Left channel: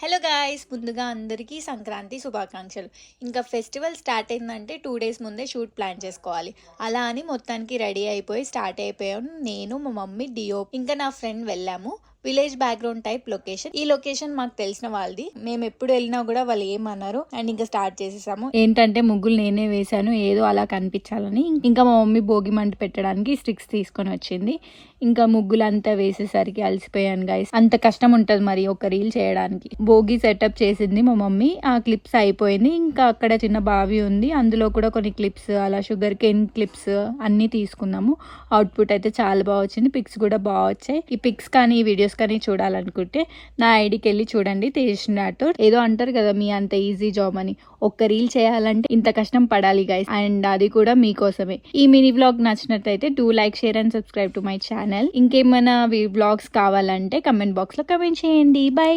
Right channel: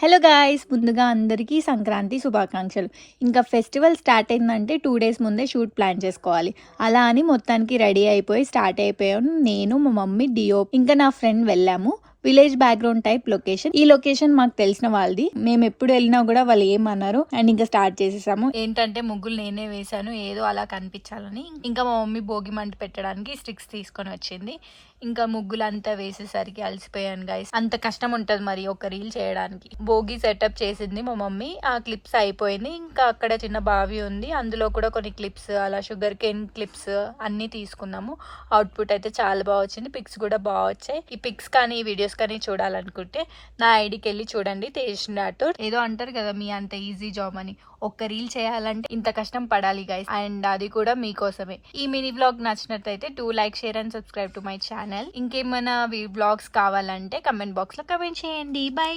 Hello guys, ముందుగా అందరికీ సంక్రాంతి శుభాకాంక్షలు. ఇంకా ఫెస్టివల్ స్టార్ట్ అయిందంటే 2 డేస్ ముందే షూట్ ప్లాన్ చేసుకోవాలి. అలా అని మొత్తానికి రెడీ అయిపోయి స్టార్ట్ అయిపోయాను. నేను, మా మమ్మీ, డియో ఇంకా నా ఫ్రెండ్ వెళ్ళాము. Village background type location. ఈ లొకేషన్ మాకు తెలిసిన వాళ్ళది. మేము ఎప్పుడు వెళ్ళినా కూడా వాళ్ళు ఏమన్నారు. అండ్ ఇంకా స్టార్ట్ చేసేసాము. ఏంటంటే ముగ్గులు నేనే వేశాను, ఏదో అలా కనిపించాలని. ఇంకా మా మమ్మీ భోగి మంట పెట్టడానికి స్టిక్స్ తీసుకొని వచ్చింది. ఇంకా ముగ్గులంతా వేసేసరికి అలసిపోయాను గైస్. అంత కష్టం ఉంటుంది మరి ఒక రీల్ చేయడానికి. భోగి సెటప్ చేసింది మా మమ్మీ. ఆ క్లిప్స్ అయిపోయింది. ఇంకా అక్కడ చిన్న బావి ఉంది, అందులో కూడా కొన్ని క్లిప్స్, అలా షుగర్ కేన్ క్లిప్స్ అన్ని తీసుకున్నాము. అవుట్పుట్ అయితే చాలా బాగా వచ్చింది. పిక్స్ కూడా బాగా వచ్చాయి. ఈ పిక్స్ కానీ ఈ వీడియోస్ కానీ చూడాలనుకుంటే నా ఐడికి వెళ్ళి చూడండి. తేజినట్టు ఏదో అంటారు కదా, మీ అంత ఈజీ జాబ్ అని. ఒక్క రీల్ చేయాలంటే ఇంత కష్టం పడాలి గైస్, అండ్ అది కూడా మీకోసమే. ఈ మినీ వ్లాగ్ నచ్చినట్టయితే do like, share and subscribe to my channel. ఇంకేమైనా వ్లాగ్స్ కావాలంటే కమెంట్ బాక్స్ లో కమెంట్ చేయండి. బై.